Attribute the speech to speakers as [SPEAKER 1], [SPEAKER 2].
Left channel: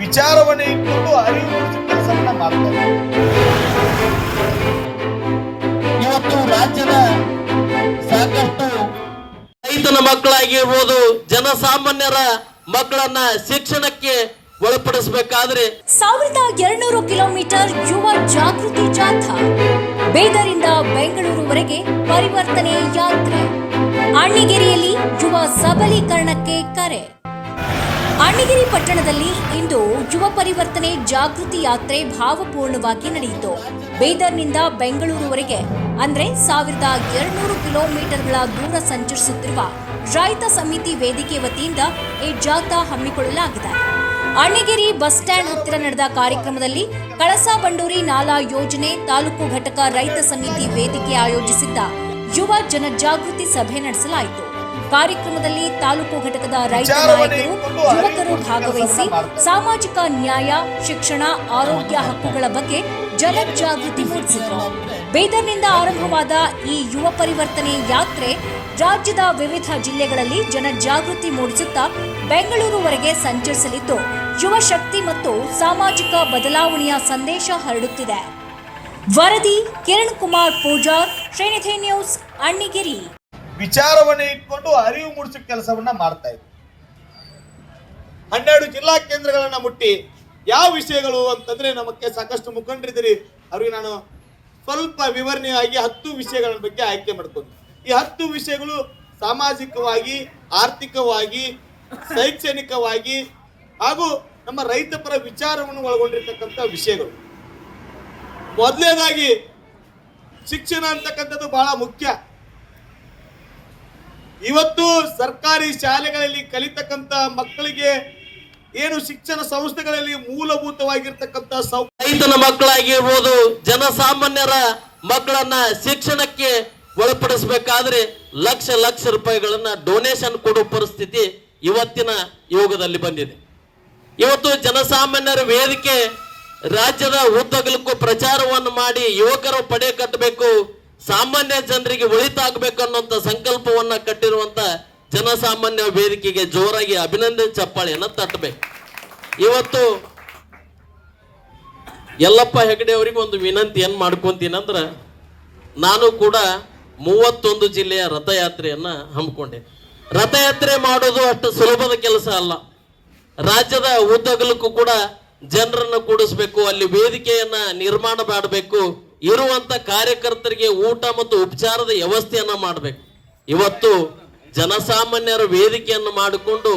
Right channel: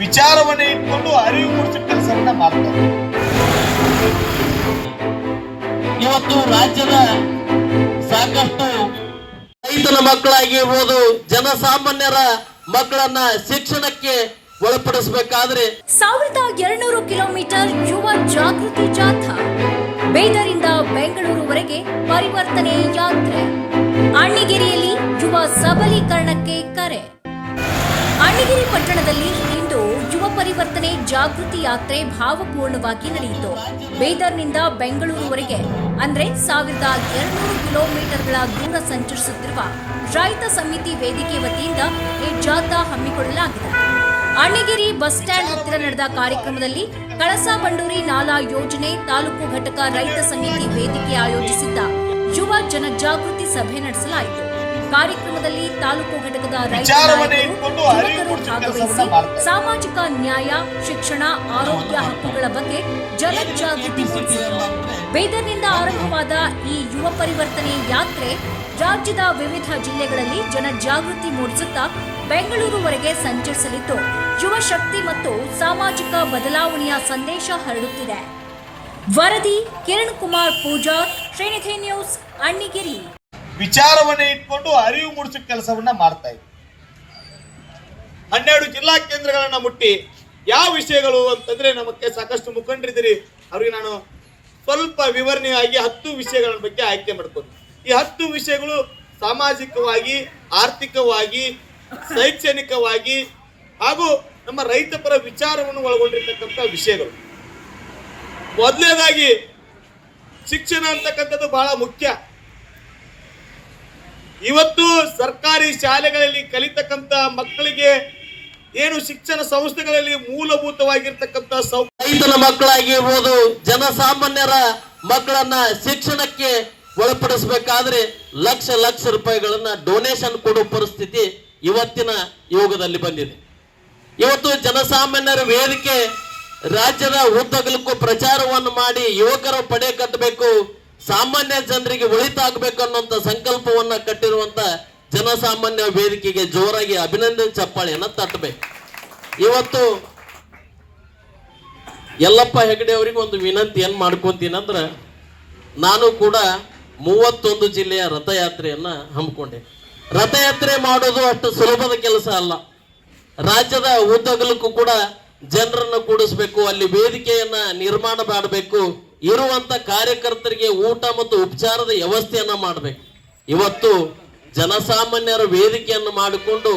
[SPEAKER 1] ವಿಚಾರವನ್ನು ಇಟ್ಕೊಂಡು ಅರಿವು ಮೂಡಿಸುವ ಕೆಲಸವನ್ನ ಮಾಡ್ತಾರೆ.
[SPEAKER 2] ಇವತ್ತು ರಾಜ್ಯದ ಸಾಕಷ್ಟು ರೈತನ ಮಕ್ಕಳಾಗಿರ್ಬೋದು ಜನಸಾಮಾನ್ಯರ ಮಕ್ಕಳನ್ನ ಶಿಕ್ಷಣಕ್ಕೆ ಒಳಪಡಿಸಬೇಕಾದ್ರೆ
[SPEAKER 3] ಸಾವಿರದ ಎರಡ್ನೂರು ಕಿಲೋಮೀಟರ್ ಯುವ ಜಾಗೃತಿ ಜಾಥಾ ಬೇದರಿಂದ ಬೆಂಗಳೂರುವರೆಗೆ ಪರಿವರ್ತನೆ ಯಾತ್ರೆ. ಅಣ್ಣಿಗೇರಿಯಲ್ಲಿ ಯುವ ಸಬಲೀಕರಣಕ್ಕೆ ಕರೆ. ಅಣ್ಣಿಗೇರಿ ಪಟ್ಟಣದಲ್ಲಿ ಇಂದು ಯುವ ಪರಿವರ್ತನೆ ಜಾಗೃತಿ ಯಾತ್ರೆ ಭಾವಪೂರ್ಣವಾಗಿ ನಡೆಯಿತು. ಬೀದರ್ನಿಂದ ಬೆಂಗಳೂರುವರೆಗೆ, ಅಂದ್ರೆ ಸಾವಿರದ ಎರಡ್ನೂರು ಕಿಲೋಮೀಟರ್ಗಳ ದೂರ ಸಂಚರಿಸುತ್ತಿರುವ ರೈತ ಸಮಿತಿ ವೇದಿಕೆ ವತಿಯಿಂದ ಈ ಜಾಥಾ ಹಮ್ಮಿಕೊಳ್ಳಲಾಗಿದೆ. ಅಣ್ಣಗಿರಿ ಬಸ್ ಸ್ಟ್ಯಾಂಡ್ ಹತ್ತಿರ ನಡೆದ ಕಾರ್ಯಕ್ರಮದಲ್ಲಿ ಕಳಸಾ ಬಂಡೂರಿ ನಾಲಾ ಯೋಜನೆ ತಾಲೂಕು ಘಟಕ ರೈತ ಸಮಿತಿ ವೇದಿಕೆ ಆಯೋಜಿಸಿದ್ದ ಯುವ ಜನಜಾಗೃತಿ ಸಭೆ ನಡೆಸಲಾಯಿತು. ಕಾರ್ಯಕ್ರಮದಲ್ಲಿ ತಾಲೂಕು ಘಟಕದ ರೈತ ನಾಯಕರು ಯುವಕರು ಭಾಗವಹಿಸಿ ಸಾಮಾಜಿಕ ನ್ಯಾಯ ಶಿಕ್ಷಣ ಆರೋಗ್ಯ ಹಕ್ಕುಗಳ ಬಗ್ಗೆ ಜನಜಾಗೃತಿ ಮೂಡಿಸಿದರು ಬೀದರ್ನಿಂದ ಆರಂಭವಾದ ಈ ಯುವ ಪರಿವರ್ತನೆ ಯಾತ್ರೆ ರಾಜ್ಯದ ವಿವಿಧ ಜಿಲ್ಲೆಗಳಲ್ಲಿ ಜನಜಾಗೃತಿ ಮೂಡಿಸುತ್ತಾ ಬೆಂಗಳೂರುವರೆಗೆ ಸಂಚರಿಸಲಿದ್ದು ಯುವ ಶಕ್ತಿ ಮತ್ತು ಸಾಮಾಜಿಕ ಬದಲಾವಣೆಯ ಸಂದೇಶ ಹರಡುತ್ತಿದೆ. ವರದಿ ಕಿರಣ್ ಕುಮಾರ್ ಪೂಜಾ ಶ್ರೀನಿಧಿ ನ್ಯೂಸ್ ಅಣ್ಣಿಗಿರಿ.
[SPEAKER 1] ವಿಚಾರವನ್ನು ಇಟ್ಕೊಂಡು ಅರಿವು ಮೂಡಿಸೋ ಕೆಲಸವನ್ನ ಮಾಡ್ತಾ ಇದ್ವಿ. ಹನ್ನೆರಡು ಜಿಲ್ಲಾ ಕೇಂದ್ರಗಳನ್ನ ಮುಟ್ಟಿ ಯಾವ ವಿಷಯಗಳು ಅಂತಂದ್ರೆ ನಮಗೆ ಸಾಕಷ್ಟು ಮುಖಂಡರಿದ್ದೀರಿ. ಅವ್ರಿಗೆ ನಾನು ಸ್ವಲ್ಪ ವಿವರಣೆಯಾಗಿ ಹತ್ತು ವಿಷಯಗಳ ಬಗ್ಗೆ ಆಯ್ಕೆ ಮಾಡ್ಕೊಂಡು ಈ ಹತ್ತು ವಿಷಯಗಳು ಸಾಮಾಜಿಕವಾಗಿ, ಆರ್ಥಿಕವಾಗಿ, ಶೈಕ್ಷಣಿಕವಾಗಿ ಹಾಗೂ ನಮ್ಮ ರೈತ ಪರ ವಿಚಾರವನ್ನು ಒಳಗೊಂಡಿರ್ತಕ್ಕಂಥ ವಿಷಯಗಳು. ಮೊದಲನೇದಾಗಿ ಶಿಕ್ಷಣ ಅಂತಕ್ಕಂಥದ್ದು ಬಹಳ ಮುಖ್ಯ. ಇವತ್ತು ಸರ್ಕಾರಿ ಶಾಲೆಗಳಲ್ಲಿ ಕಲಿತಕ್ಕಂತ ಮಕ್ಕಳಿಗೆ ಏನು ಶಿಕ್ಷಣ ಸಂಸ್ಥೆಗಳಲ್ಲಿ ಮೂಲಭೂತವಾಗಿರ್ತಕ್ಕಂಥ
[SPEAKER 2] ರೈತನ ಮಕ್ಕಳಾಗಿರ್ಬೋದು ಜನಸಾಮಾನ್ಯರ ಮಕ್ಕಳನ್ನ ಶಿಕ್ಷಣಕ್ಕೆ ಒಳಪಡಿಸಬೇಕಾದ್ರೆ ಲಕ್ಷ ಲಕ್ಷ ರೂಪಾಯಿಗಳನ್ನ ಡೊನೇಷನ್ ಕೊಡುವ ಪರಿಸ್ಥಿತಿ ಇವತ್ತಿನ ಯೋಗದಲ್ಲಿ ಬಂದಿದೆ. ಇವತ್ತು ಜನಸಾಮಾನ್ಯರ ವೇದಿಕೆ ರಾಜ್ಯದ ಉದ್ದಗಲಕ್ಕೂ ಪ್ರಚಾರವನ್ನು ಮಾಡಿ ಯುವಕರು ಪಡೆ ಕಟ್ಟಬೇಕು. ಸಾಮಾನ್ಯ ಜನರಿಗೆ ಒಳಿತಾಗಬೇಕು ಅನ್ನುವಂತ ಸಂಕಲ್ಪವನ್ನ ಕಟ್ಟಿರುವಂತ ಜನಸಾಮಾನ್ಯ ವೇದಿಕೆಗೆ ಜೋರಾಗಿ ಅಭಿನಂದನೆ ಚಪ್ಪಾಳೆಯನ್ನ ತಟ್ಟಬೇಕು. ಇವತ್ತು ಯಲ್ಲಪ್ಪ ಹೆಗಡೆ ಅವರಿಗೆ ಒಂದು ವಿನಂತಿ, ಏನ್ ಮಾಡ್ಕೊಂತೀನಂದ್ರ ನಾನು ಕೂಡ ಮೂವತ್ತೊಂದು ಜಿಲ್ಲೆಯ ರಥಯಾತ್ರೆಯನ್ನ ಹಮ್ಮಿಕೊಂಡೆ. ರಥಯಾತ್ರೆ ಮಾಡೋದು ಅಷ್ಟು ಸುಲಭದ ಕೆಲಸ ಅಲ್ಲ. ರಾಜ್ಯದ ಉದ್ದಗಲಕ್ಕೂ ಕೂಡ ಜನರನ್ನು ಕೂಡಿಸ್ಬೇಕು, ಅಲ್ಲಿ ವೇದಿಕೆಯನ್ನ ನಿರ್ಮಾಣ ಮಾಡಬೇಕು. ಇರುವಂತ ಕಾರ್ಯಕರ್ತರಿಗೆ ಊಟ ಮತ್ತು ಉಪಚಾರದ ವ್ಯವಸ್ಥೆಯನ್ನ ಮಾಡಬೇಕು. ಇವತ್ತು ಜನಸಾಮಾನ್ಯರ ವೇದಿಕೆಯನ್ನು ಮಾಡಿಕೊಂಡು